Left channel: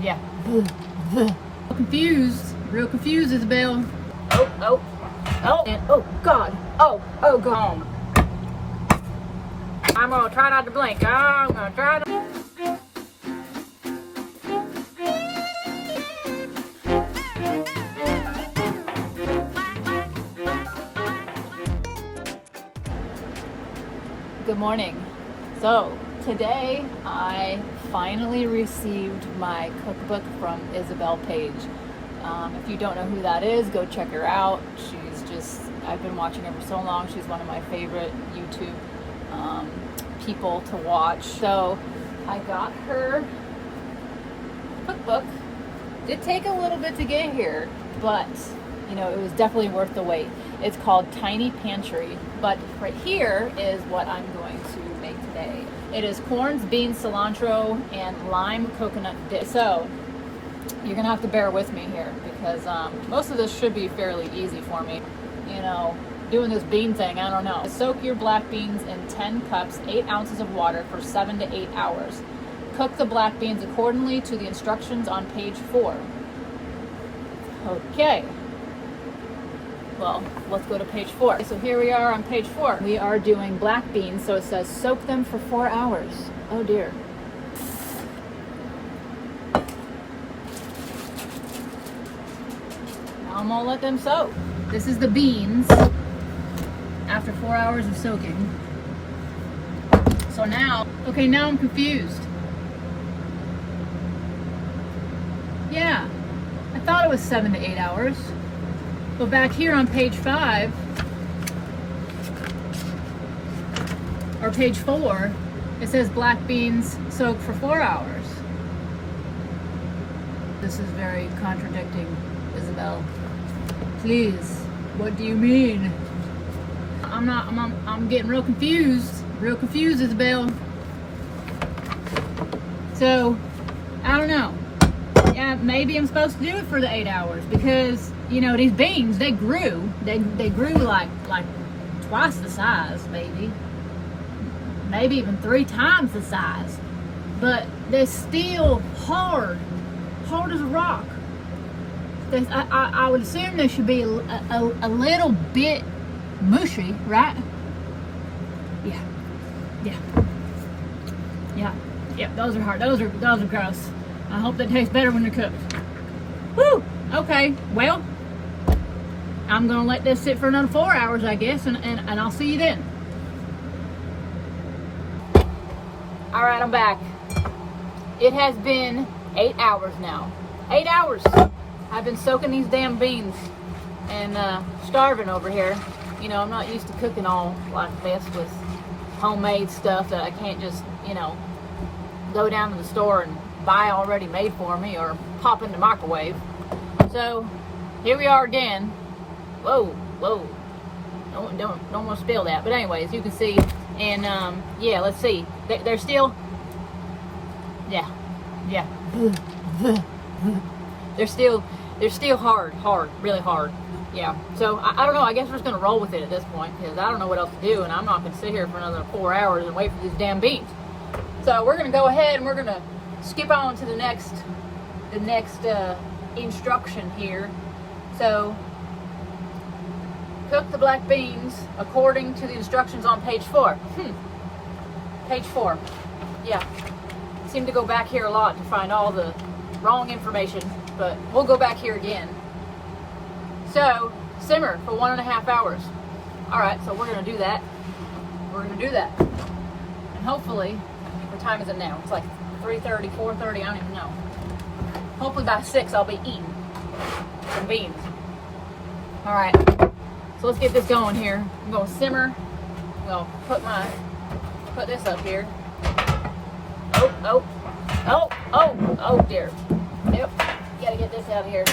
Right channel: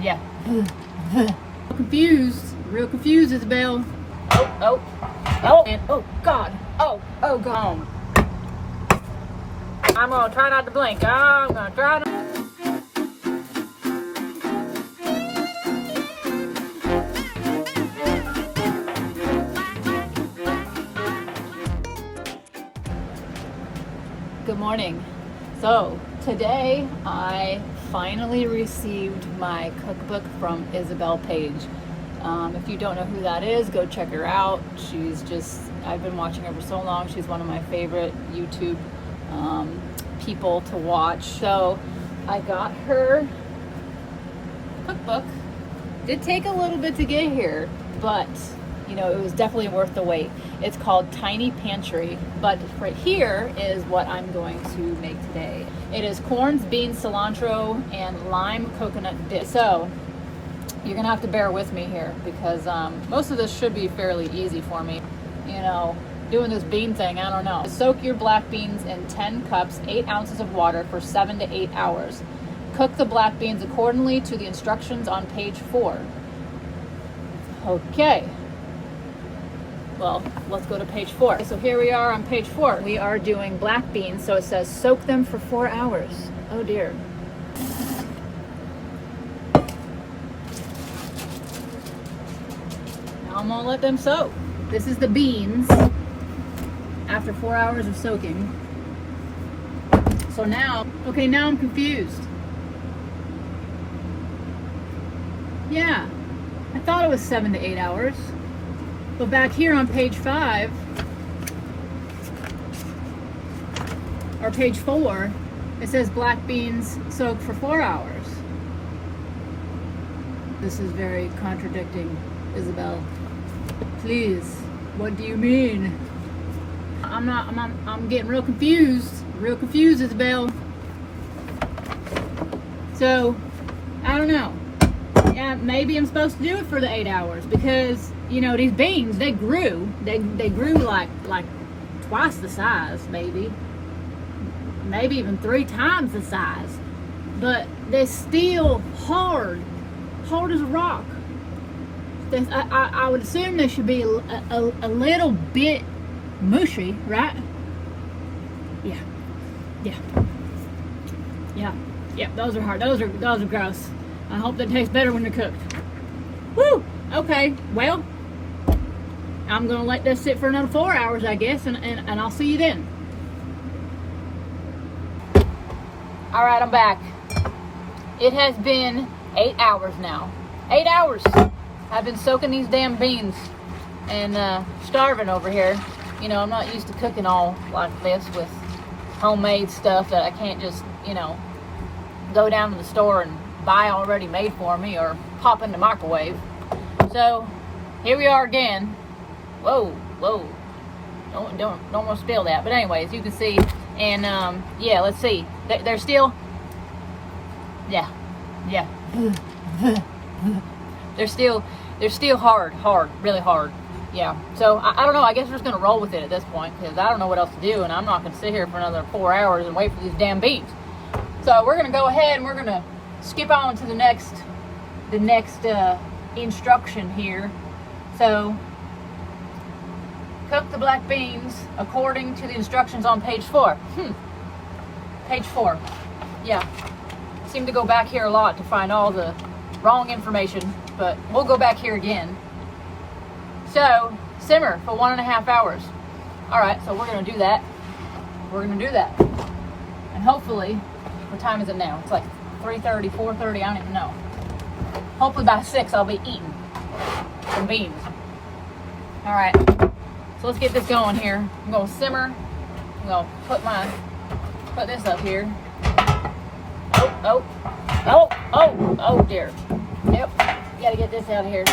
Yeah. Confused. Real confused, Isabel. Oh. Oh, God. Oh, God. I'm gonna try not to blink. I'm gonna try to. Good morning. So today I finally received my cookbook from Isabel page. If you don't know who that is, go check her out. I've been watching her for so long. She's one of my favorite YouTube people to watch. So I got her cookbook. Did take a little bit to get here, but you know, it was definitely worth the wait. It's called Tiny Pantry, but right here is what I'm going to make today. It is corns, beans, cilantro, and lime coconut dip. So you're gonna have to bear with me here because most of this should be fairly easy for me. You know, doing this bean thing, I don't know. Soak your black beans in 10 cups, 8 ounces of water for 7 to 8 hours. Cook the black beans accordingly to the instructions on page 4. Okay. Well, let's go to page 4. So here we are on page 4. We are doing black beans, so it says soak them for 4 hours. Oh dear. Now I'm gonna let them soak. This is the beans after 4 hours of soaking. So now I'm confused. Yeah, I thought it was 7 to 8 hours. But back here on page 5, or page 4, it says black beans soak for 4 hours. This is very contradicting, Isabel. Please, what do you mean? I'm getting real confused, Isabel. So, I don't know. Yeah, maybe I'm supposed to do it for the 8 hours because, you know, these beans, they grew like twice the size, maybe even 3 times the size, but they're still hard as a rock. I would assume they should be a little bit mushy, right? Yeah, those are hard. Those are gross. I hope they taste better when they're cooked. Woo! Okay, well, I'm gonna let this sit for another 4 hours, I guess, and I'll see you then. All right, I'm back. It has been 8 hours now. 8 hours. I've been soaking these damn beans and starving over here. You know, I'm not used to cooking all like this with homemade stuff that I can't just, you know, go down to the store and buy already made for me or pop in the microwave. So here we are again. Whoa, don't want to spill that, but anyways, you can see, and yeah, let's see, they're still, yeah, they're still hard, really hard. Yeah, so I don't know, I guess we're just gonna roll with it at this point because I don't know what else to do, and I'm not gonna sit here for another 4 hours and wait for these damn beans. So we're gonna go ahead and we're gonna skip on to the next instruction here. So cook the black beans according to the instructions on page 4. Page 4. Yeah. Seem to go back here a lot to find all the wrong information, but we'll go back here again. So simmer for 1.5 hours. Alright, so we're gonna do that. And hopefully, what time is it now? It's like 3:30, 4:30, I don't even know. Hopefully by 6 I'll be eating some beans. Alright, so let's get this going here. I'm going to simmer. I'm going to put this up here. Oh dear. Yep, got to get this out of here.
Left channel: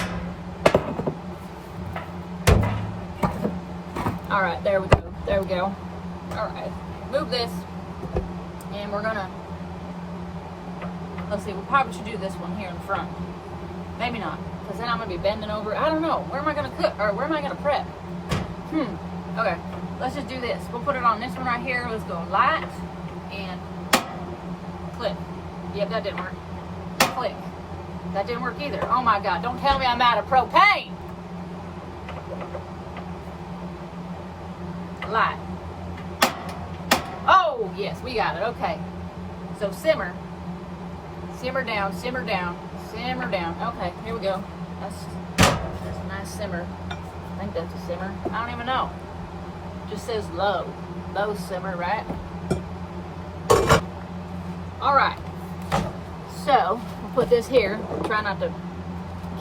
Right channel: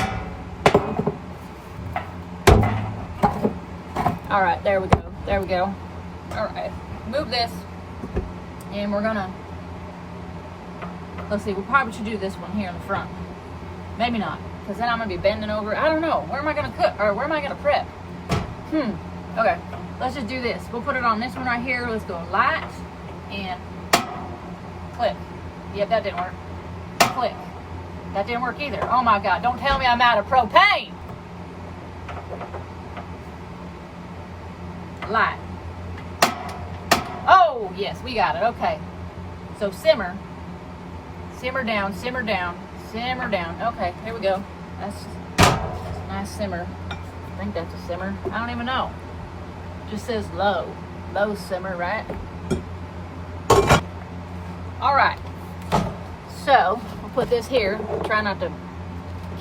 Alright, there we go. Alright, move this. And we're going to, let's see, we probably should do this one here in the front. Maybe not, because then I'm going to be bending over. I don't know. Where am I going to cook? Or where am I going to prep? Okay. Let's just do this. We'll put it on this one right here. Let's go light and click. Yep, that didn't work. Click. that didn't work either. Oh my God, don't tell me I'm out of propane. Light. Oh, yes, we got it. Okay. So simmer. Simmer down, simmer down, simmer down. Okay, here we go. That's a nice simmer. I think that's a simmer. I don't even know. Just says low. Low simmer, right? All right. So, we'll put this here. Try not to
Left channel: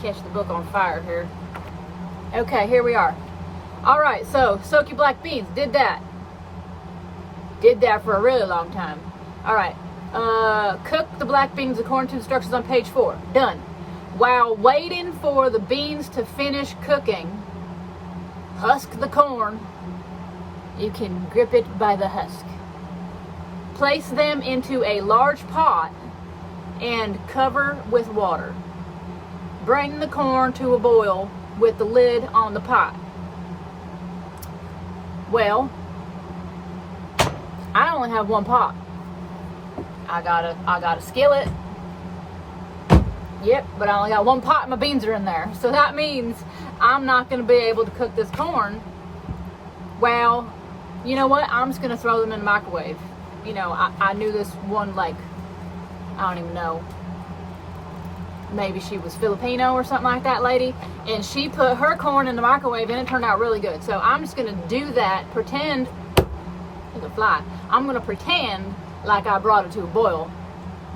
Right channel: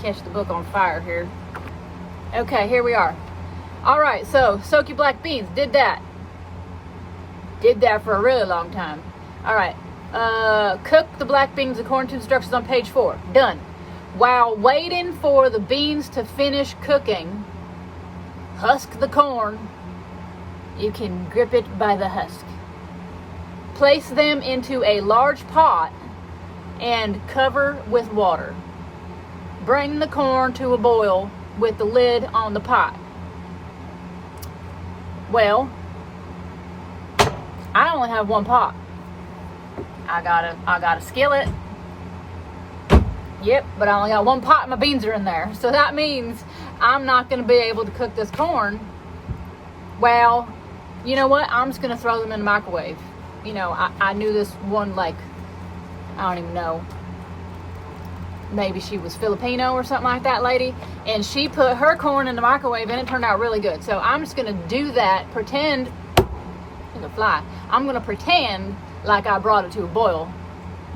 catch the book on fire here. Okay, here we are. All right, so soak your black beans. Did that. Did that for a really long time. All right. Cook the black beans according to instructions on page 4. Done. While waiting for the beans to finish cooking, husk the corn. You can grip it by the husk. Place them into a large pot and cover with water. Bring the corn to a boil with the lid on the pot. Well, I only have one pot. I got a skillet. Yep, but I only got one pot and my beans are in there. So that means I'm not going to be able to cook this corn. Well, you know what? I'm just going to throw them in the microwave. You know, I knew this one, like, I don't even know. Maybe she was Filipino or something like that lady. And she put her corn in the microwave and it turned out really good. So I'm just going to do that, pretend, there's a fly. I'm going to pretend like I brought it to a boil.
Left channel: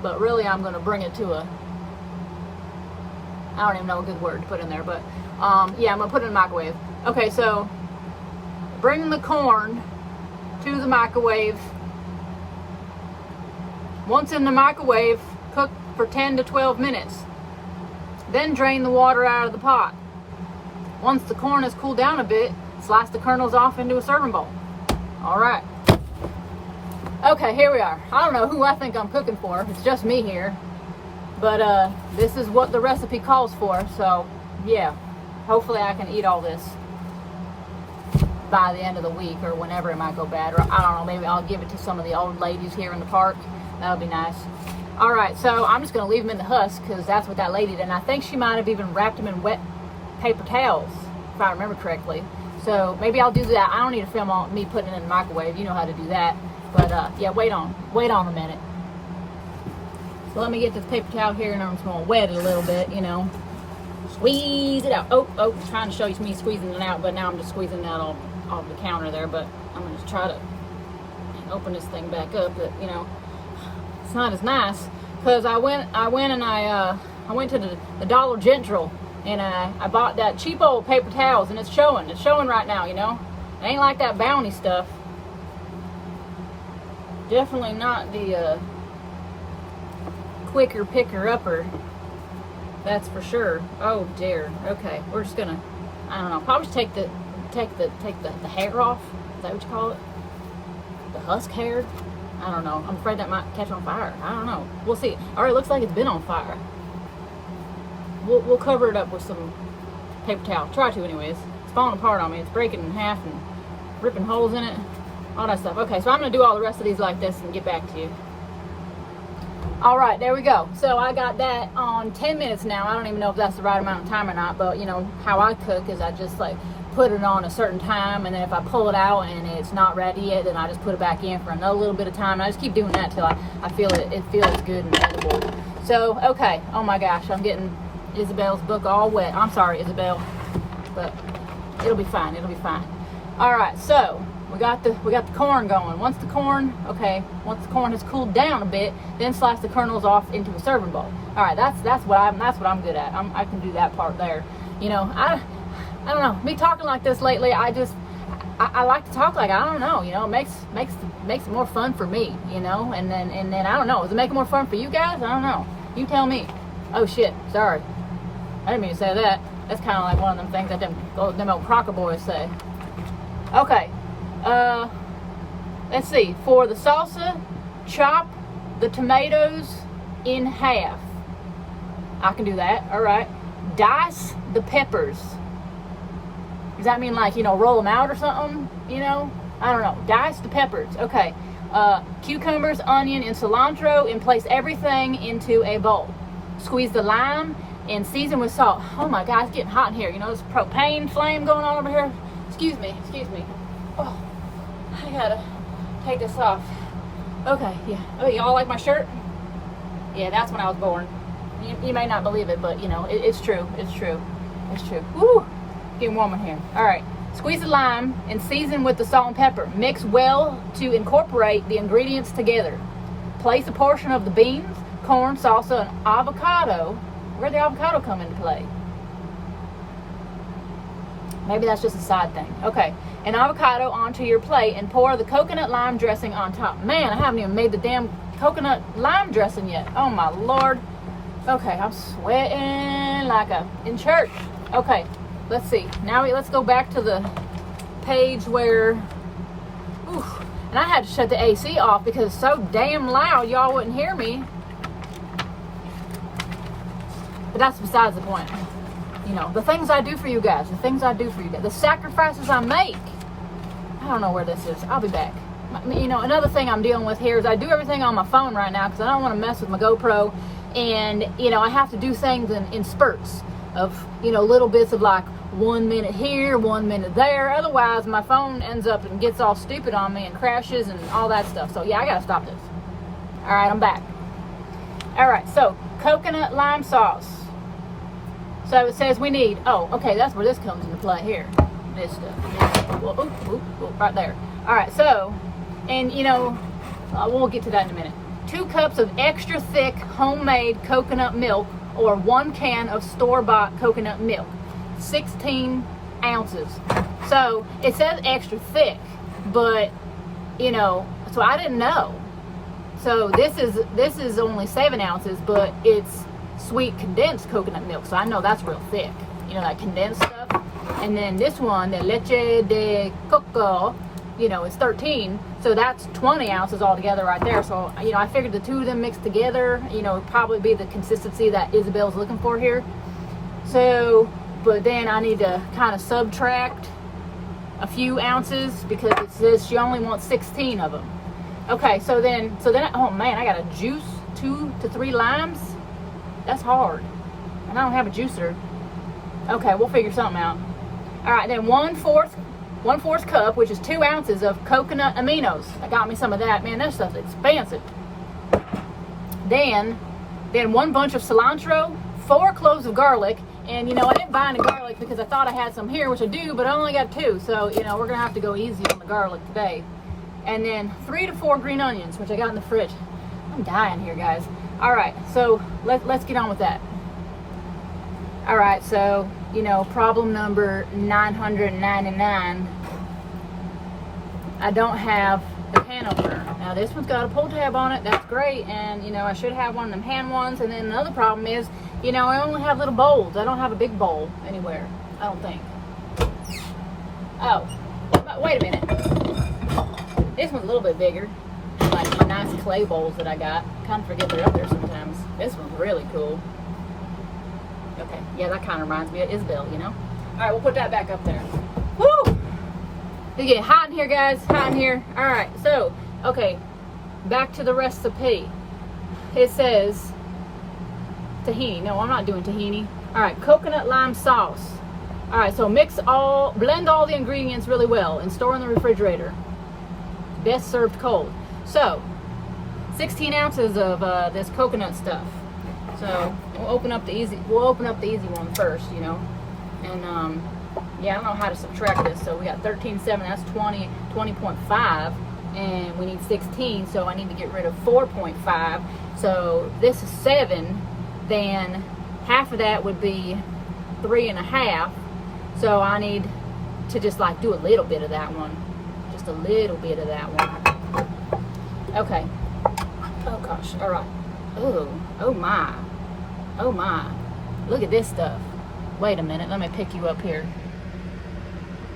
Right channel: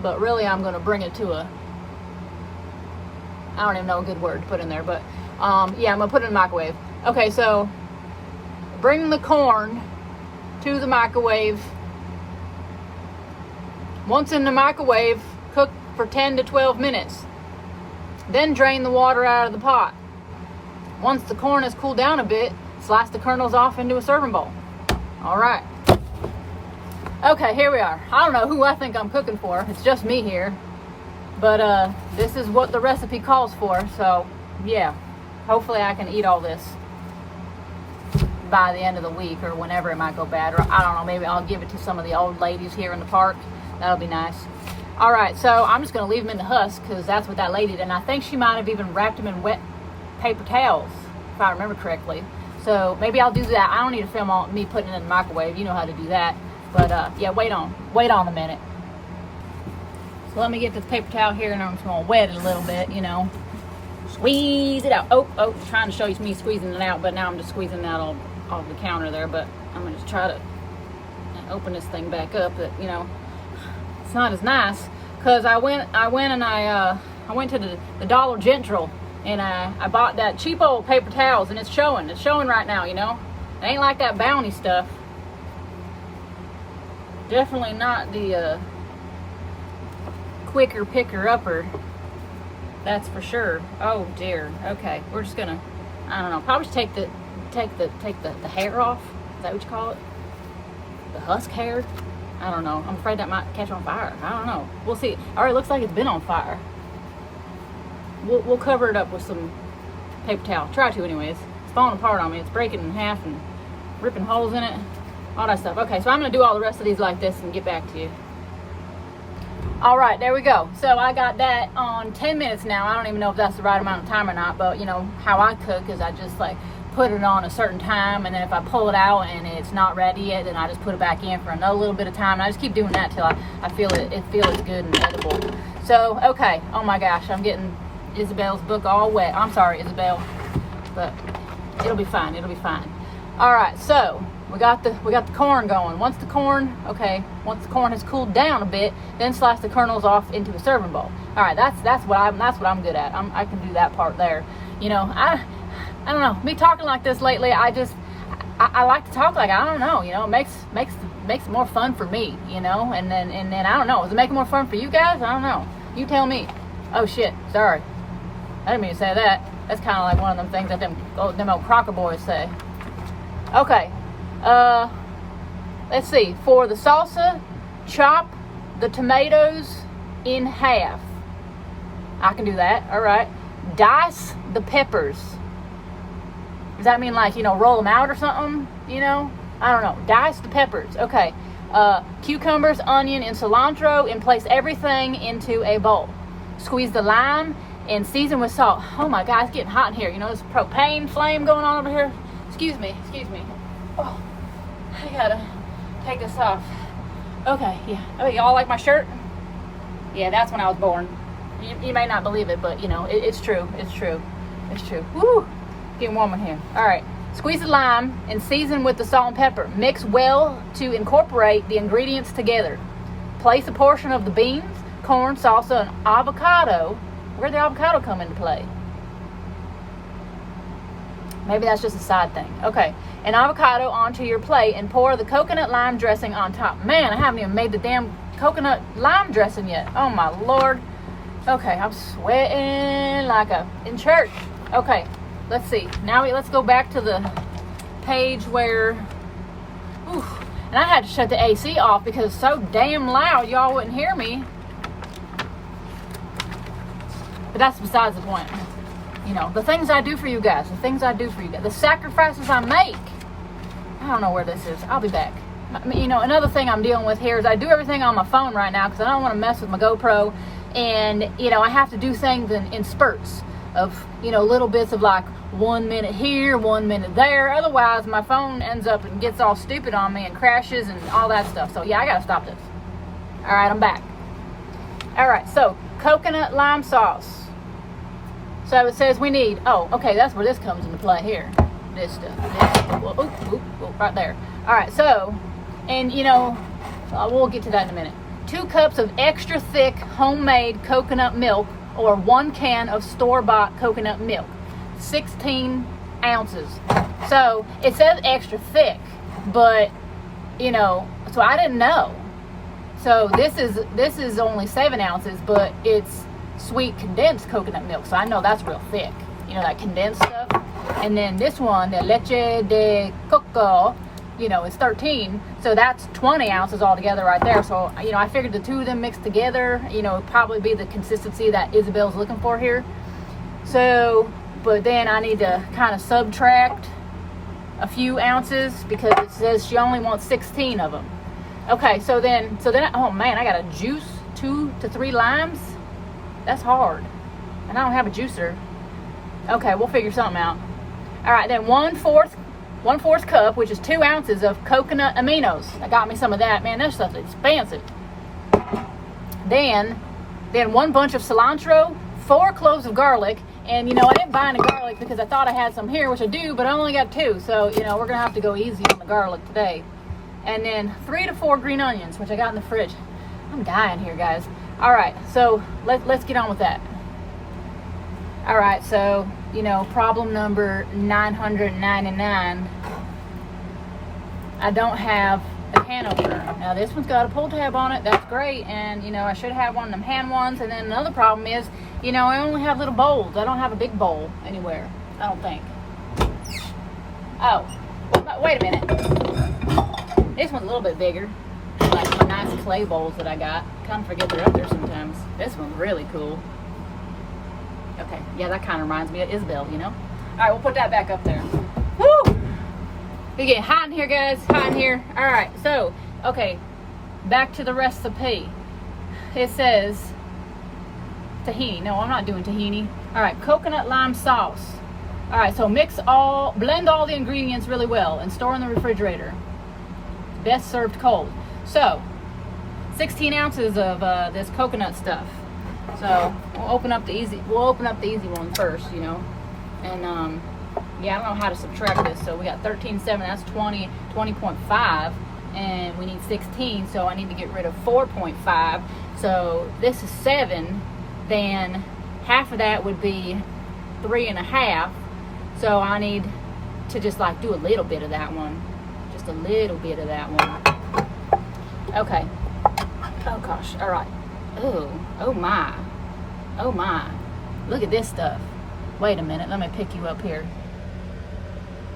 But really I'm going to bring it to a, I don't even know a good word to put in there. But yeah, I'm going to put it in the microwave. Okay, so bring the corn to the microwave. Once in the microwave, cook for 10 to 12 minutes. Then drain the water out of the pot. Once the corn has cooled down a bit, slice the kernels off into a serving bowl. All right. Okay, here we are. I don't know who I think I'm cooking for. It's just me here. But this is what the recipe calls for. So, yeah. Hopefully I can eat all this by the end of the week or whenever it might go bad. Or I don't know, maybe I'll give it to some of the old ladies here in the park. That'll be nice. All right, so I'm just going to leave them in the husk because that's what that lady did. And I think she might have even wrapped them in wet paper towels, if I remember correctly. So maybe I'll do that. I don't need to film on me putting it in the microwave. You know how to do that. But yeah, wait on a minute. So let me get this paper towel here and I'm just going to wet it a little bit, you know. Squeeze it out. Oh, trying to show you me squeezing it out, but now I'm just squeezing it out off the counter there. But I'm going to just try to open this thing back up. But, you know, it's not as nice because I went to the Dollar General and I bought that cheap old paper towels and it's showing right now, you know. It ain't like that Bounty stuff. Definitely not the quicker picker upper, that's for sure. Oh dear. Okay, we're just gonna, I don't know, probably just take the hair off. Is that what you call it? The husk hair? I don't know. I'm afraid that might catch on fire. I don't know. We'll see. All right, looks like it's been on fire. We'll cover it up with some paper towel. Try to, anyways. It's falling apart on me. It's breaking in half and ripping holes in it. All that stuff. Okay, so I'm gonna do all the rest of these like this and get back to you. All right, there we go. So I got that on 10 minutes now. I don't even know if that's the right amount of time or not, but you know how I cook is I just like put it on a certain time, and then if I pull it out and it's not ready yet, then I just put it back in for another little bit of time. And I just keep doing that till I feel it feels good and edible. So okay, oh my gosh, I'm getting Isabel's book all wet. I'm sorry, Isabel, but it'll be fine. It'll be fine. All right, so we got the corn going. Once the corn has cooled down a bit, then slice the kernels off into a serving bowl. All right, that's what I'm good at. I can do that part there. You know, I don't know. Me talking like this lately, I like to talk like, I don't know. You know, it makes it more fun for me. You know, and then I don't know. Does it make it more fun for you guys? I don't know. You tell me. Oh shit, sorry. I didn't mean to say that. That's kind of like one of them things that them old Crocker boys say. Okay. Let's see. For the salsa, chop the tomatoes in half. I can do that. All right. Dice the peppers. Does that mean like, you know, roll them out or something? You know? I don't know. Dice the peppers. Okay. Cucumbers, onion, and cilantro, and place everything into a bowl. Squeeze the lime and season with salt. Oh my God, it's getting hot in here. You know, this propane flame going on over here. Excuse me. Oh, I gotta take this off. Okay, yeah. Oh, y'all like my shirt? Yeah, that's when I was born. You may not believe it, but you know, it's true. It's true. Woo! Getting warm in here. All right. Squeeze the lime and season with the salt and pepper. Mix well to incorporate the ingredients together. Place a portion of the beans, corn, salsa, and avocado. Where'd the avocado come into play? Maybe that's just a side thing. Okay. An avocado onto your plate and pour the coconut lime dressing on top. Man, I haven't even made the damn coconut lime dressing yet. Oh my Lord. Okay, I'm sweating like in church. Okay. Let's see. Now let's go back to the page where, and I had to shut the AC off because it's so damn loud y'all wouldn't hear me. But that's besides the point. You know, the things I do for you guys, the sacrifices I make. I don't know where this is. I'll be back. You know, another thing I'm dealing with here is I do everything on my phone right now because I don't want to mess with my GoPro. And, you know, I have to do things in spurts of, you know, little bits of like 1 minute here, 1 minute there. Otherwise, my phone ends up and gets all stupid on me and crashes and all that stuff. So, yeah, I got to stop this. All right, I'm back. All right, so coconut lime sauce. So it says we need, okay, that's where this comes into play here. This stuff. Right there. All right, so, and, you know, we'll get to that in a minute. 2 cups of extra thick homemade coconut milk or 1 can of store-bought coconut milk. 16 ounces. So it says extra thick, but you know, so I didn't know. So this is only 7 ounces, but it's sweet condensed coconut milk. So I know that's real thick. You know, that condensed stuff. And then this one, the leche de coco, you know, is 13. So that's 20 ounces altogether right there. So, you know, I figured the two of them mixed together, you know, would probably be the consistency that Isabel's looking for here. So, but then I need to kind of subtract a few ounces because it says she only wants 16 of them. Okay, so then, oh man, I got to juice 2 to 3 limes. That's hard. And I don't have a juicer. Okay, we'll figure something out. All right, then 1/4 cup, which is 2 ounces of coconut aminos. I got me some of that. Man, that stuff's expensive. Then 1 bunch of cilantro, 4 cloves of garlic. And, you know, I didn't buy any garlic because I thought I had some here, which I do, but I only got 2. So, you know, we're going to have to go easy on the garlic today. And then 3 to 4 green onions, which I got in the fridge. I'm dying here, guys. All right, so let's get on with that. All right, so, you know, problem number 999. I don't have a can opener. Now, this one's got a pull tab on it. That's great. And, you know, I should have one of them hand ones. And then another problem is, you know, I only have little bowls. I don't have a big bowl anywhere, I don't think. Oh, wait a minute. This one's a little bit bigger. Like my nice clay bowls that I got. Kind of forget they're up there sometimes. This one's really cool. Okay, yeah, that kind of reminds me of Isabel, you know? All right, we'll put that back up there. Woo! It's getting hot in here, guys. Hot in here. All right, so, okay, back to the recipe. It says tahini. No, I'm not doing tahini. All right, coconut lime sauce. All right, so blend all the ingredients really well and store in the refrigerator. Best served cold. So, 16 ounces of this coconut stuff. So we'll open up the easy one first, you know. And yeah, I don't know how to subtract this. So we got 13.7. That's 20.5, and we need 16. So I need to get rid of 4.5. So this is 7. Then half of that would be 3.5. So I need to just like do a little bit of that one. Just a little bit of that one. Okay. Oh gosh. All right. Oh my. Oh my. Look at this stuff. Wait a minute. Let me pick you up here.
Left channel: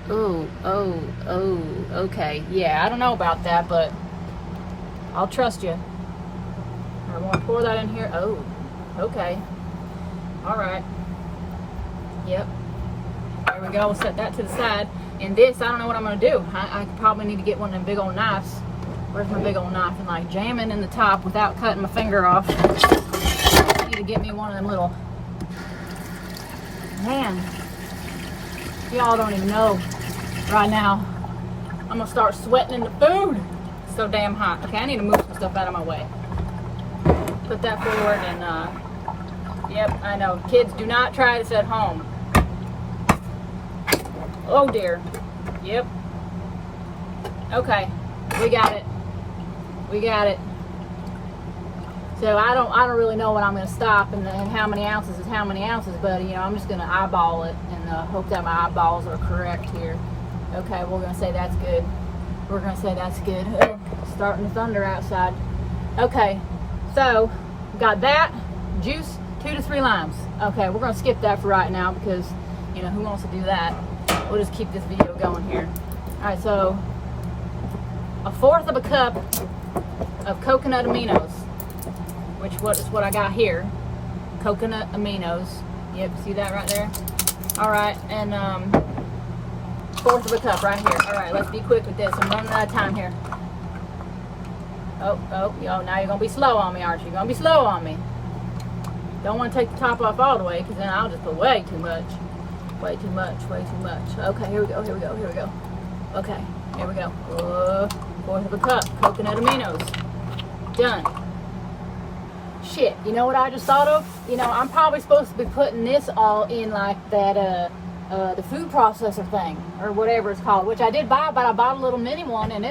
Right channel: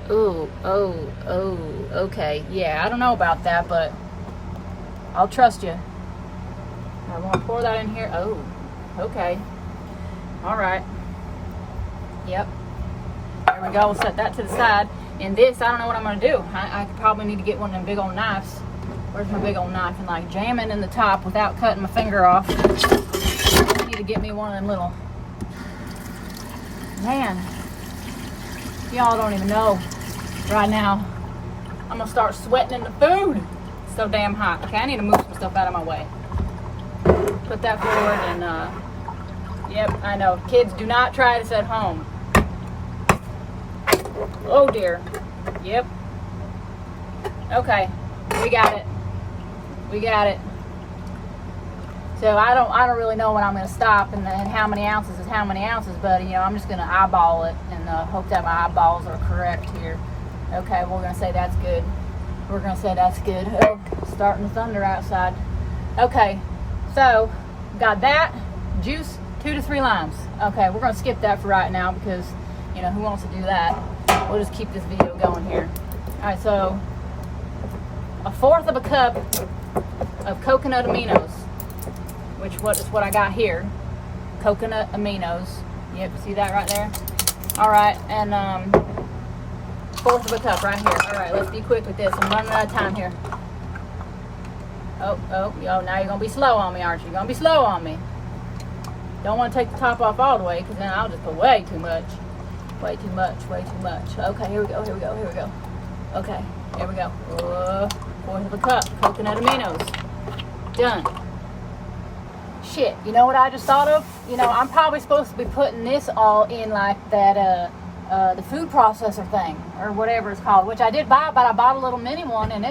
Oh, okay. Yeah, I don't know about that, but I'll trust you. I'm going to pour that in here. Oh, okay. All right. Yep. There we go. We'll set that to the side. And this, I don't know what I'm going to do. I probably need to get one of them big old knives. Where's my big old knife? And like jam it in the top without cutting my finger off. I need to get me one of them little Man, y'all don't even know right now. I'm gonna start sweating in the food. It's so damn hot. Okay, I need to move some stuff out of my way. Put that forward and yep, I know. Kids, do not try this at home. Oh dear. Yep. Okay, we got it. We got it. So I don't really know when I'm gonna stop and how many ounces is how many ounces, but you know, I'm just gonna eyeball it and hope that my eyeballs are correct here. Okay, we're gonna say that's good. We're gonna say that's good. Oh, starting to thunder outside. Okay, so got that juice, 2 to 3 limes. Okay, we're gonna skip that for right now because you know who wants to do that. We'll just keep this video going here. All right, so 1/4 of a cup of coconut aminos, which is what I got here. Coconut aminos. Yep, see that right there? All right, and 1/4 of a cup right here. All right, let's be quick with this. I'm running out of time here. Oh, now you're gonna be slow on me, aren't you? You're gonna be slow on me. Don't want to take the top off all the way, because then I'll just put way too much. Way too much. Okay, here we go. Okay, here we go. 1/4 of a cup, coconut aminos. Done. Shit, you know what I just thought of? You know, I'm probably supposed to be putting this all in like that, the food processor thing, or whatever it's called, which I did buy, but I bought a little mini one, and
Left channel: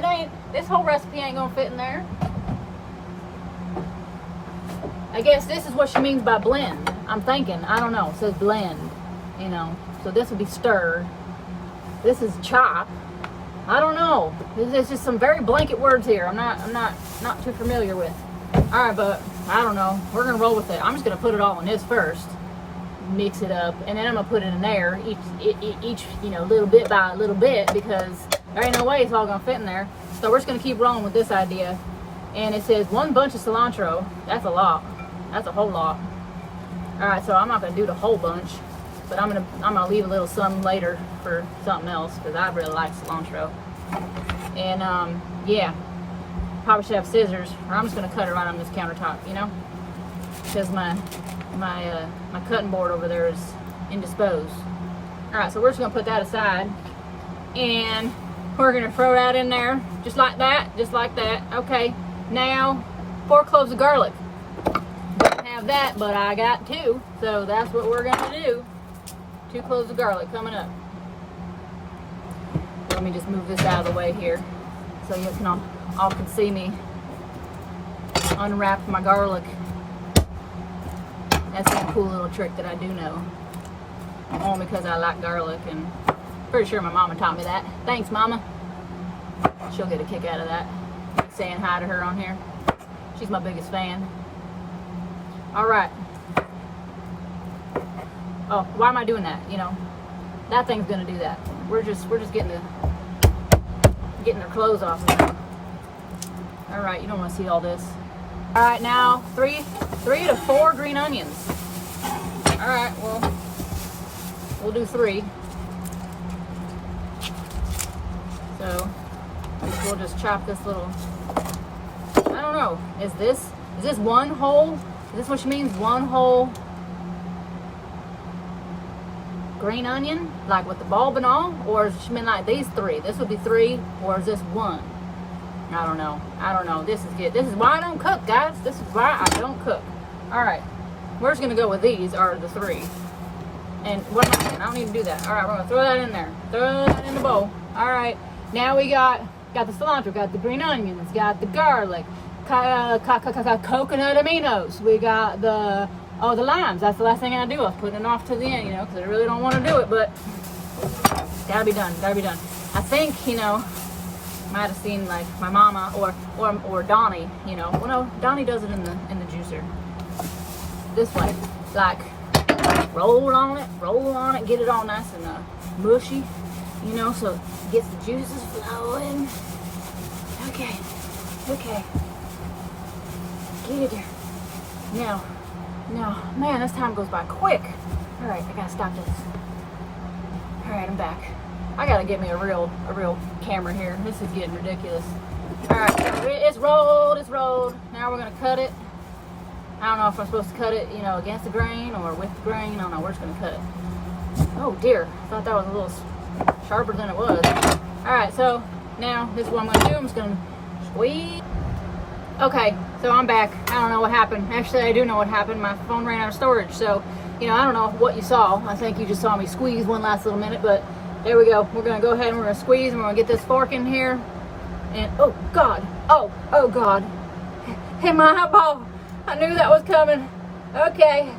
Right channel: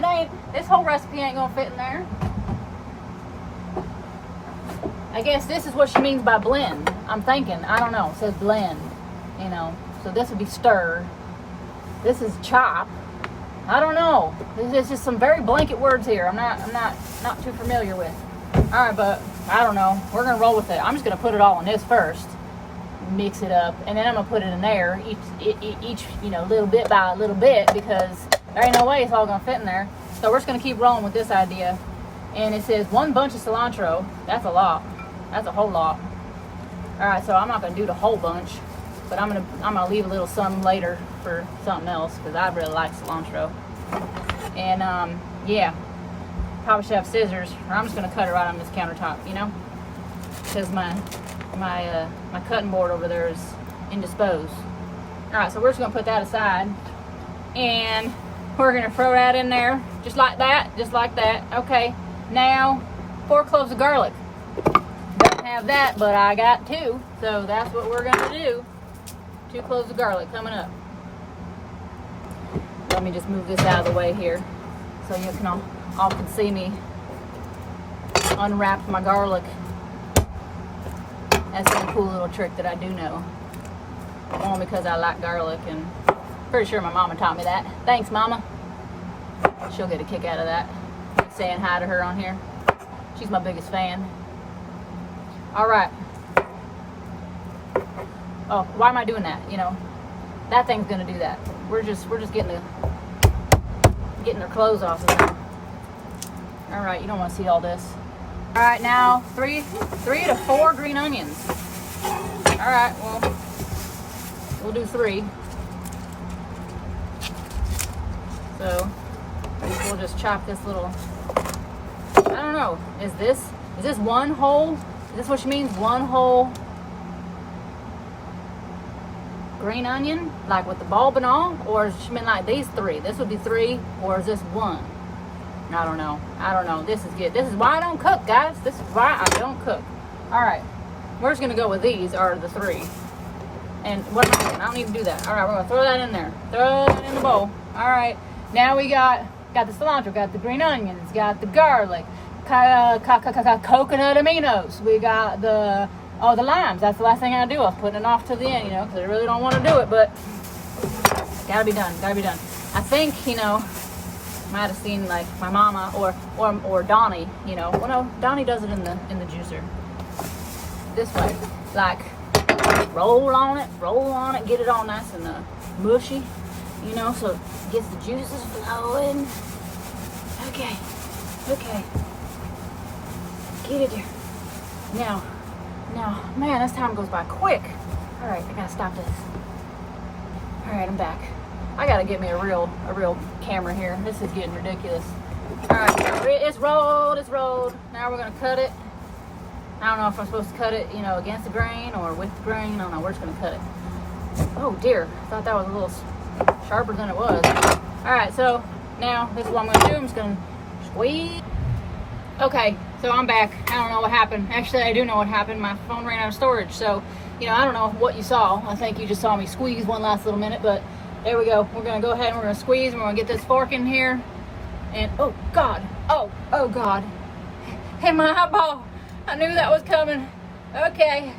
this whole recipe ain't gonna fit in there. I guess this is what she means by blend. I'm thinking, I don't know, it says blend, you know, so this would be stir. This is chop. I don't know. There's just some very blanket words here. I'm not too familiar with. All right, but I don't know. We're gonna roll with it. I'm just gonna put it all in this first, mix it up, and then I'm gonna put it in there each you know, little bit by little bit, because there ain't no way it's all gonna fit in there. So we're just gonna keep rolling with this idea. And it says 1 bunch of cilantro. That's a lot. That's a whole lot. All right, so I'm not gonna do the whole bunch, but I'm gonna leave a little some later for something else, because I really like cilantro. And yeah, probably should have scissors, or I'm just gonna cut it right on this countertop, you know, because my cutting board over there is indisposed. All right, so we're just gonna put that aside, and we're gonna throw that in there just like that. Okay, now 4 cloves of garlic. Don't have that, but I got 2, so that's what we're gonna do. 2 cloves of garlic coming up. Let me just move this out of the way here, so you can all can see me unwrap my garlic. That's a cool little trick that I do know. Only because I like garlic, and pretty sure my mama taught me that. Thanks, Mama. She'll get a kick out of that. Saying hi to her on here. She's my biggest fan. All right. Oh, why am I doing that? You know, that thing's gonna do that. We're just getting their clothes off now. All right, you don't want to see all this. All right, now 3 to 4 green onions. All right, well, we'll do 3. So we'll just chop this little. I don't know. Is this one whole? Is this what she means? One whole green onion, like with the bulb and all, or does she mean like these 3? This would be 3, or is this 1? I don't know. This is good. This is why I don't cook, guys. This is why I don't cook. All right, we're just gonna go with these, are the 3. And what am I doing? I don't even do that. All right, we're gonna throw that in there. Throw that in the bowl. All right, now we got the cilantro, got the green onions, got the garlic, coconut aminos. We got the limes. That's the last thing I do. I was putting it off to the end, you know, because I really don't want to do it, but gotta be done. I think, you know, might have seen like my mama or Donnie, you know. Well, no, Donnie does it in the juicer. This way, like roll on it, get it all nice and mushy, you know, so it gets the juices flowing. Okay, get it there. Now, man, this time goes by quick. All right, I gotta stop this. All right, I'm back. I gotta get me a real camera here. This is getting ridiculous. All right, so it's rolled. Now we're gonna cut it. I don't know if I'm supposed to cut it, you know, against the grain or with the grain. I don't know. We're just gonna cut it. Oh dear, I thought that was a little sharper than it was. All right, so now this is what I'm gonna do. I'm just gonna squeeze. Okay, so I'm back. I don't know what happened. Actually, I do know what happened. My phone ran out of storage, so, you know, I don't know what you saw. I think you just saw me squeeze one last little minute, but there we go. We're gonna go ahead and we're gonna squeeze, and we're gonna get this fork in here. And, oh God, oh God. Hey, my eyeball. I knew that was coming. Okay,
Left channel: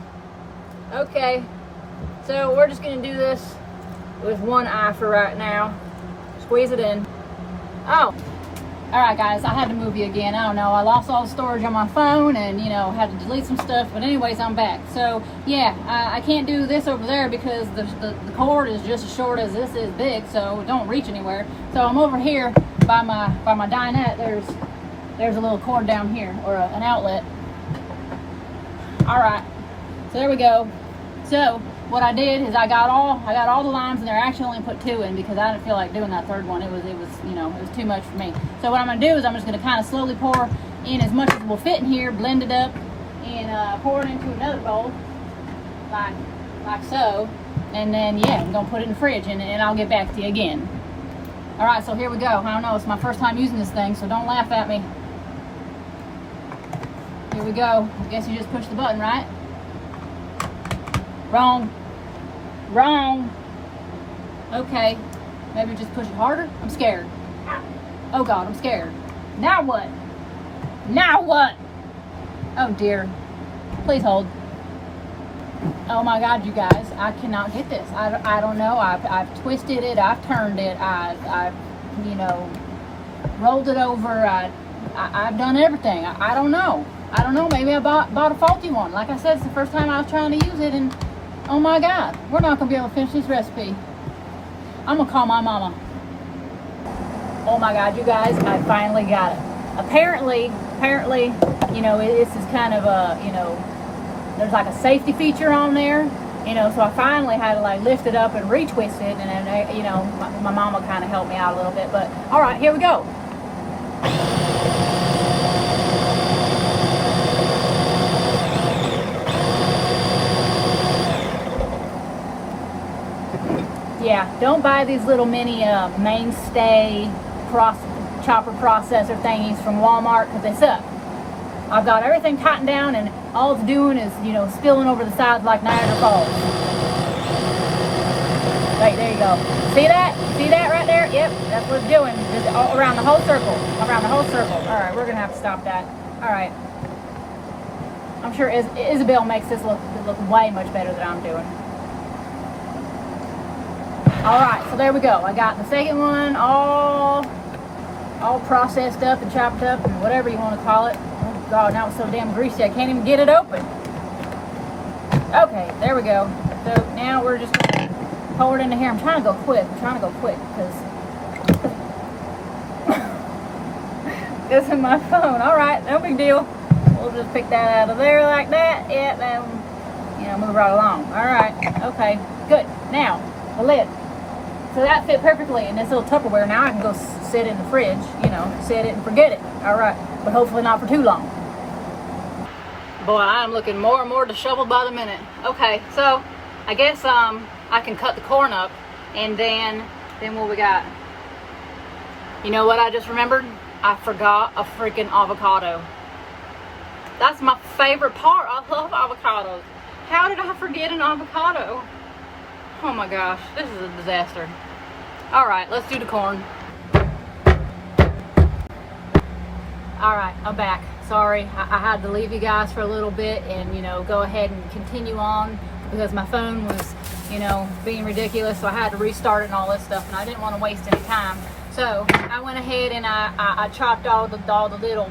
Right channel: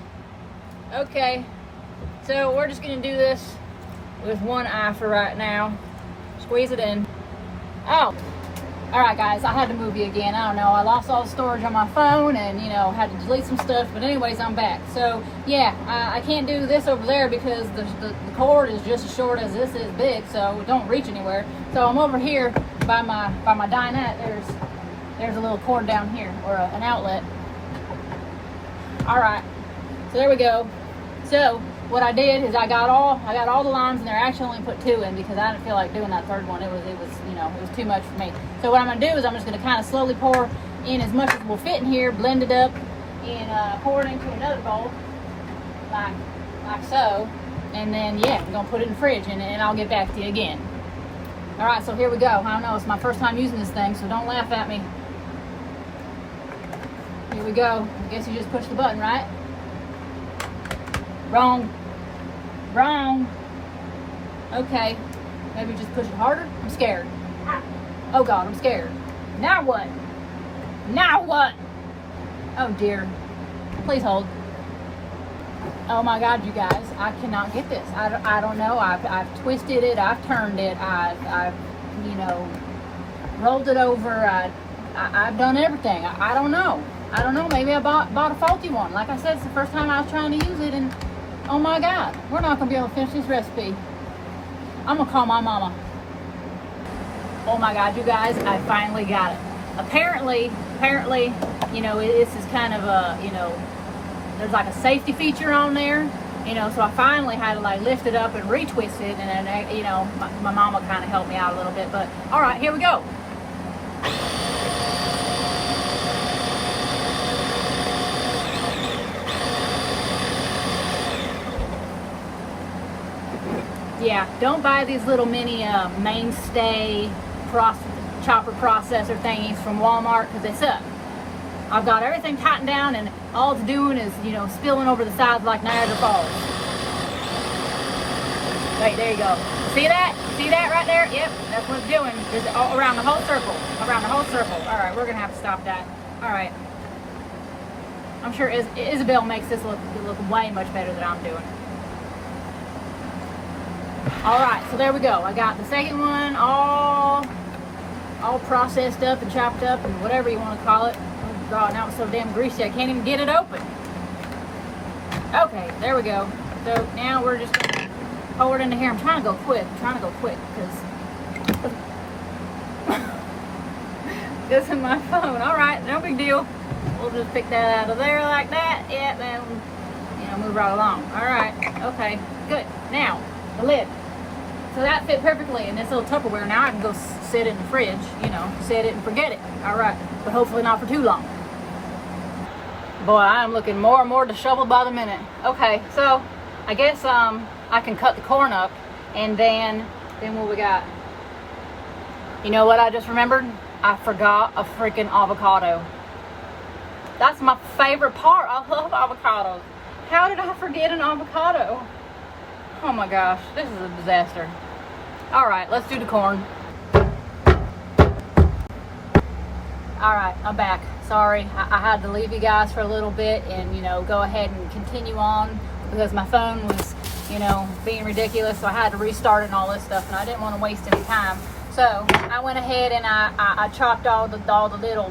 so we're just gonna do this with one eye for right now. Squeeze it in. Oh. All right, guys, I had to move you again. I don't know. I lost all the storage on my phone and, you know, had to delete some stuff. But anyways, I'm back. So, yeah, I can't do this over there because the cord is just as short as this is big, so it don't reach anywhere. So I'm over here by my dinette. There's a little cord down here, or an outlet. All right, so there we go. So what I did is I got all the limes in there. I actually only put 2 in because I didn't feel like doing that third one. It was you know, it was too much for me. So what I'm gonna do is I'm just gonna kind of slowly pour in as much as will fit in here, blend it up, and pour it into another bowl, like so. And then yeah, I'm gonna put it in the fridge, and I'll get back to you again. All right, so here we go. I don't know, it's my first time using this thing, so don't laugh at me. Here we go. I guess you just push the button, right? Wrong. Okay, maybe just push it harder. I'm scared. Oh God, I'm scared. Now what? Oh dear. Please hold. Oh my God, you guys, I cannot get this. I don't know. I've twisted it. I've turned it. I've you know, rolled it over. I've done everything. I don't know. Maybe I bought a faulty one. Like I said, it's the first time I was trying to use it, and oh my God, we're not gonna be able to finish this recipe. I'm gonna call my mama. Oh my God, you guys, I finally got it. Apparently, you know, this is kind of a, you know, there's like a safety feature on there, you know, so I finally had to like lift it up and retwist it, and then, you know, my mama kind of helped me out a little bit, but all right, here we go. Yeah, don't buy these little mini mainstay chopper processor thingies from Walmart because they suck. I've got everything tightened down, and all it's doing is, you know, spilling over the sides like Niagara Falls. Wait, there you go. See that? See that right there? Yep, that's what it's doing. Just around the whole circle. Around the whole circle. All right, we're gonna have to stop that. All right. I'm sure Isabel makes this look way much better than I'm doing. All right, so there we go. I got the second one all processed up and chopped up and whatever you want to call it. Oh God, now it's so damn greasy I can't even get it open. Okay, there we go. So now we're just gonna pour it into here. I'm trying to go quick because this is my phone. All right, no big deal. We'll just pick that out of there like that. Yeah, then, you know, move right along. All right, okay, good. Now the lid. So that fit perfectly in this little Tupperware. Now I can go sit in the fridge, you know, set it and forget it. All right, but hopefully not for too long. Boy, I am looking more and more disheveled by the minute. Okay, so I guess I can cut the corn up, and then what we got? You know what I just remembered? I forgot a freaking avocado. That's my favorite part. I love avocados. How did I forget an avocado? Oh my gosh, this is a disaster. All right, let's do the corn. All right, I'm back. Sorry, I had to leave you guys for a little bit and, you know, go ahead and continue on because my phone was, you know, being ridiculous. So I had to restart it and all this stuff, and I didn't want to waste any time. So I went ahead and I chopped all the little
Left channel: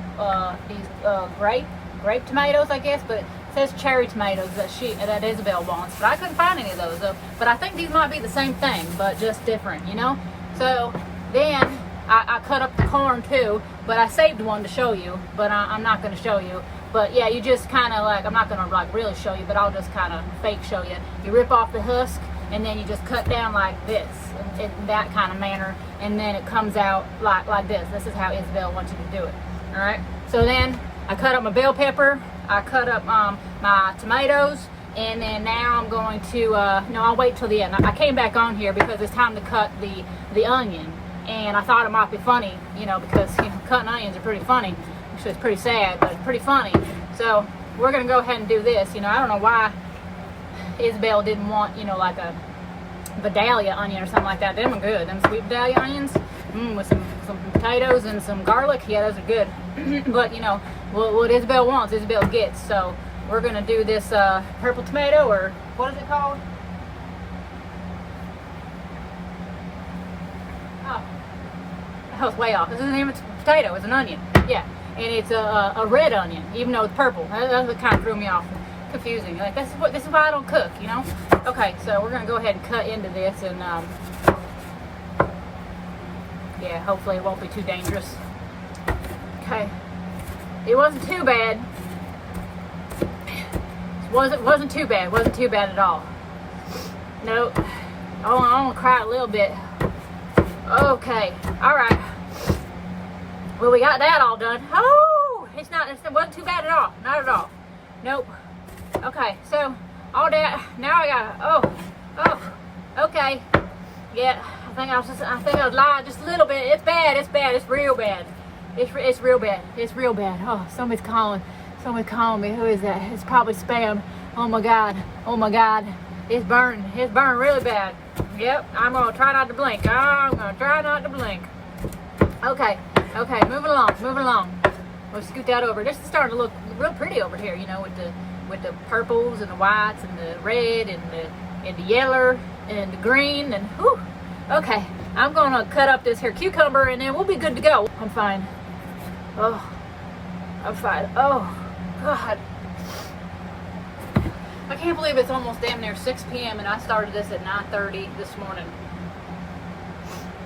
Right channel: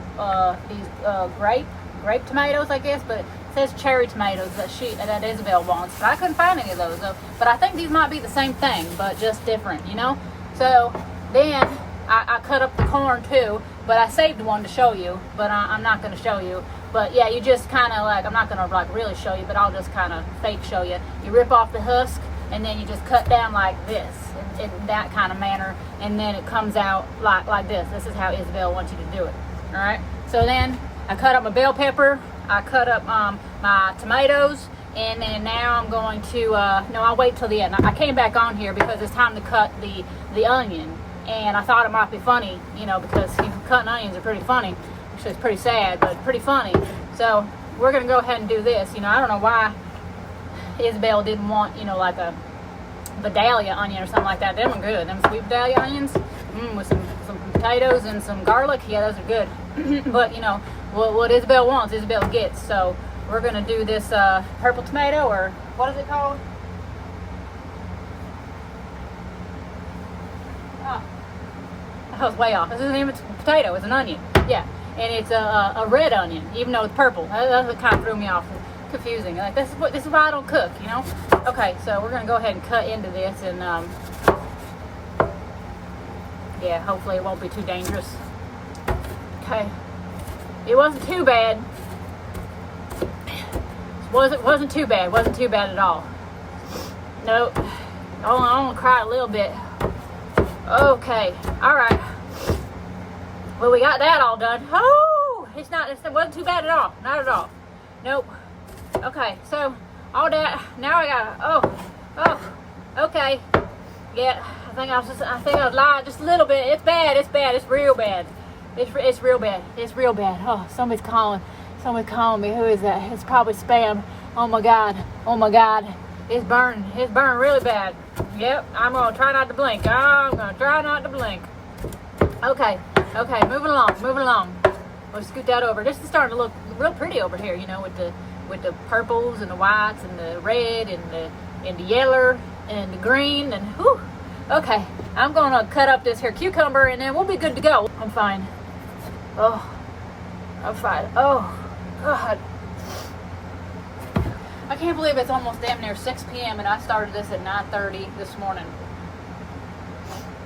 grape tomatoes, I guess, but it says cherry tomatoes that Isabel wants, but I couldn't find any of those though. But I think these might be the same thing, but just different, you know. So then I cut up the corn too, but I saved one to show you, but I'm not going to show you. But yeah, you just kind of like, I'm not going to like really show you, but I'll just kind of fake show you. You rip off the husk, and then you just cut down like this, in that kind of manner, and then it comes out like this. This is how Isabel wants you to do it. All right. So then I cut up my bell pepper. I cut up my tomatoes, And then now I'm going to, no, I'll wait till the end. I came back on here because it's time to cut the onion. And I thought it might be funny, you know, because, you know, cutting onions are pretty funny. Actually, it's pretty sad, but pretty funny. So we're going to go ahead and do this. You know, I don't know why Isabel didn't want, you know, like a Vidalia onion or something like that. Them are good. Them sweet Vidalia onions with some potatoes and some garlic. Yeah, those are good. But, you know, what Isabel wants, Isabel gets. So we're going to do this purple tomato, or what is it called? Oh, that was way off. This isn't even a potato. It's an onion. Yeah, and it's a red onion, even though it's purple. That kind of threw me off. Confusing. Like, this is why I don't cook, you know. Okay, so we're gonna go ahead and cut into this, and yeah, hopefully it won't be too dangerous. Okay, it wasn't too bad. Wasn't too bad. Wasn't too bad at all. Nope. I want to cry a little bit. Okay. All right. Well, we got that all done. Oh, it wasn't too bad at all. Not at all. Nope. Okay. So all that. Now I got. Okay. Yeah. I think I was lying just a little bit. It's bad. It's bad. It's real bad. It's real bad. It's real bad. Oh, somebody's calling. Somebody calling me. Who is that? It's probably spam. Oh my God. Oh my God. It's burning. It's burning really bad. Yep. I'm gonna try not to blink. I'm gonna try not to blink. Okay. Okay. Moving along. Moving along. We'll scoot that over. This is starting to look real pretty over here. You know, with the purples and the whites and the red and the yellow and the green and whew. Okay. I'm gonna cut up this here cucumber and then we'll be good to go. I'm fine. Oh. I'm fine. Oh. God. I can't believe it's almost damn near 6 p.m. and I started this at 9:30 this morning.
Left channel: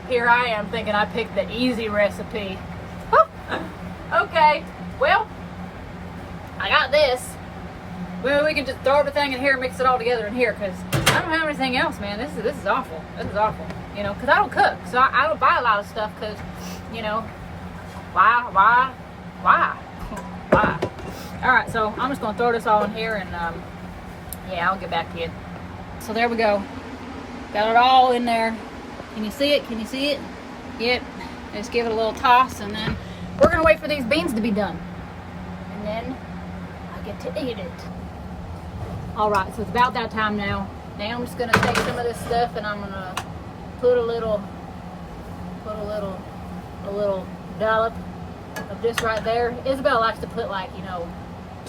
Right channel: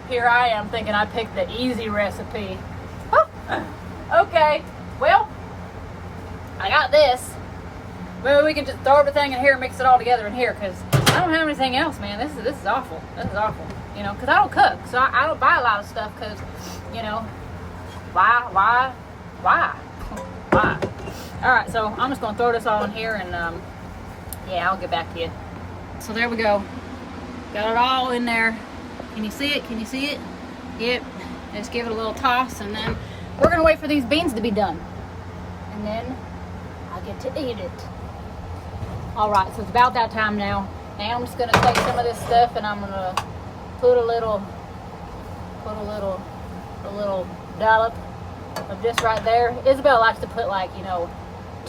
Here I am thinking I picked the easy recipe. Okay, well, I got this. Well, we can just throw everything in here and mix it all together in here because I don't have anything else, man. This is awful. This is awful. You know, because I don't cook, so I don't buy a lot of stuff because, you know, why? All right, so I'm just gonna throw this all in here and yeah, I'll get back to you. So there we go. Got it all in there. Can you see it? Can you see it? Yep. Just give it a little toss and then we're gonna wait for these beans to be done. And then I get to eat it. All right, so it's about that time now. Now I'm just gonna take some of this stuff and I'm gonna put a little dollop of this right there. Isabel likes to put like, you know,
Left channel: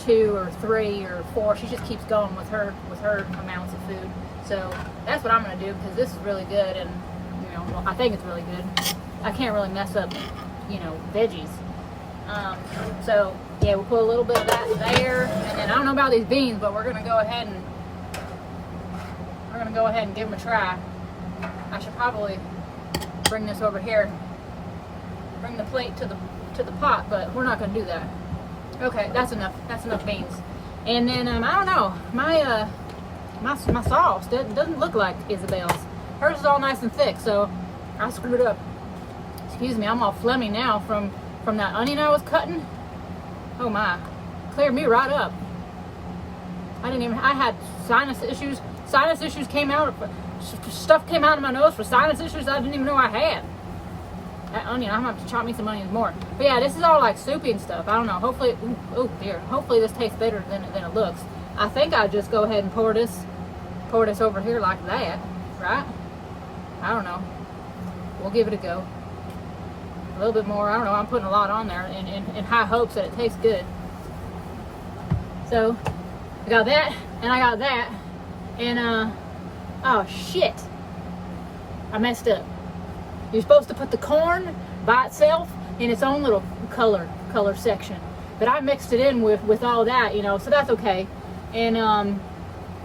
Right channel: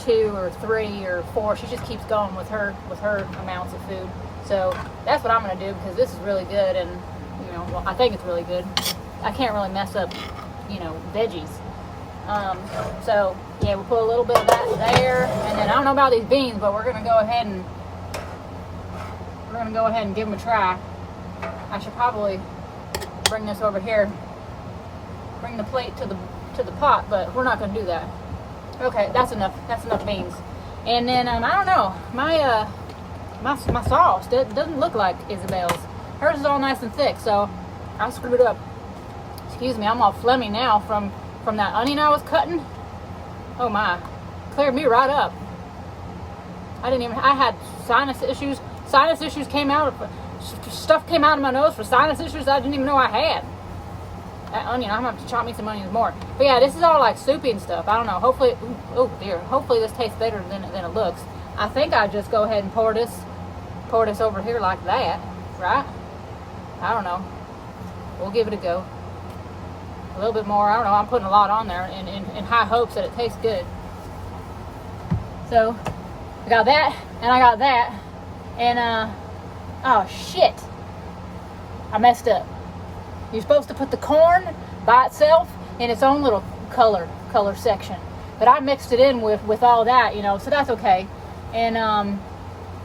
2 or 3 or 4. She just keeps going with her amounts of food. So that's what I'm gonna do because this is really good and, you know, well, I think it's really good. I can't really mess up, you know, veggies. So yeah, we'll put a little bit of that there, and then I don't know about these beans, but we're gonna go ahead and give them a try. I should probably bring this over here, bring the plate to the pot, but we're not gonna do that. Okay, that's enough. That's enough beans. And then I don't know, my sauce doesn't look like Isabel's. Hers is all nice and thick, so I screwed up. Excuse me, I'm all phlegmy now from that onion I was cutting. Oh my, cleared me right up. I had sinus issues. Sinus issues came out. Stuff came out of my nose for sinus issues I didn't even know I had. That onion, I'm gonna have to chop me some onions more. But yeah, this is all like soupy and stuff. I don't know. Hopefully, oh dear. Hopefully this tastes better than it looks. I think I just go ahead and pour this over here like that, right? I don't know. We'll give it a go. A little bit more. I don't know. I'm putting a lot on there in high hopes that it tastes good. So I got that and I got that and oh shit, I messed up. You're supposed to put the corn by itself in its own little color section, but I mixed it in with all that, you know, so that's okay. And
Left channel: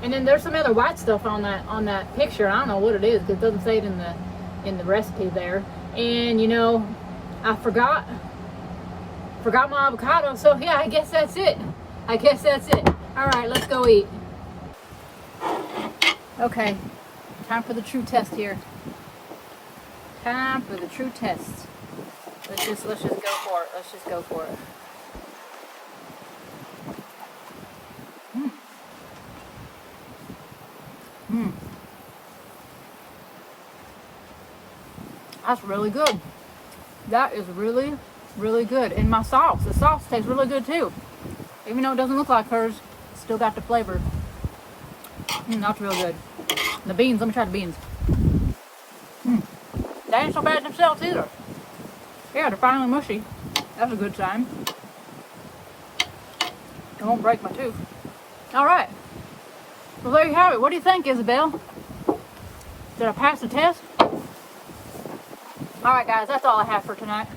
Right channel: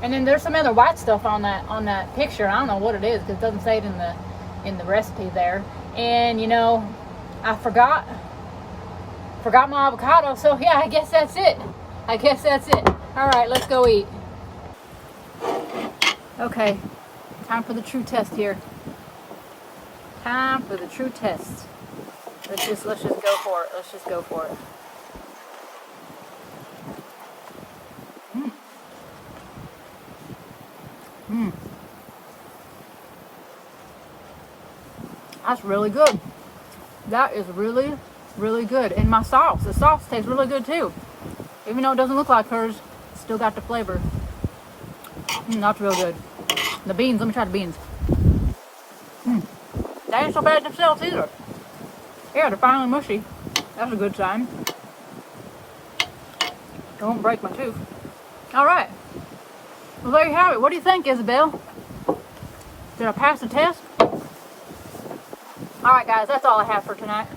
then there's some other white stuff on that picture. I don't know what it is because it doesn't say it in the recipe there. And you know, I forgot my avocado, so yeah, I guess that's it. All right, let's go eat. Okay, time for the true test here. Time for the true test. Let's just go for it. Let's just go for it. That's really good. That is really, really good. And my sauce, the sauce tastes really good too. Even though it doesn't look like hers, it's still got the flavor. That's real good. The beans, let me try the beans. They ain't so bad themselves either. Yeah, they're finally mushy. That's a good sign. It won't break my tooth. All right. Well, there you have it. What do you think, Isabel? Did I pass the test? All right, guys, that's all I have for tonight.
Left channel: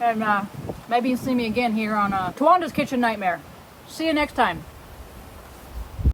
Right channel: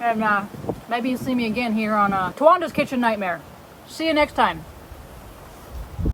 And maybe you'll see me again here on TaWanda's Kitchen Nightmare. See you next time.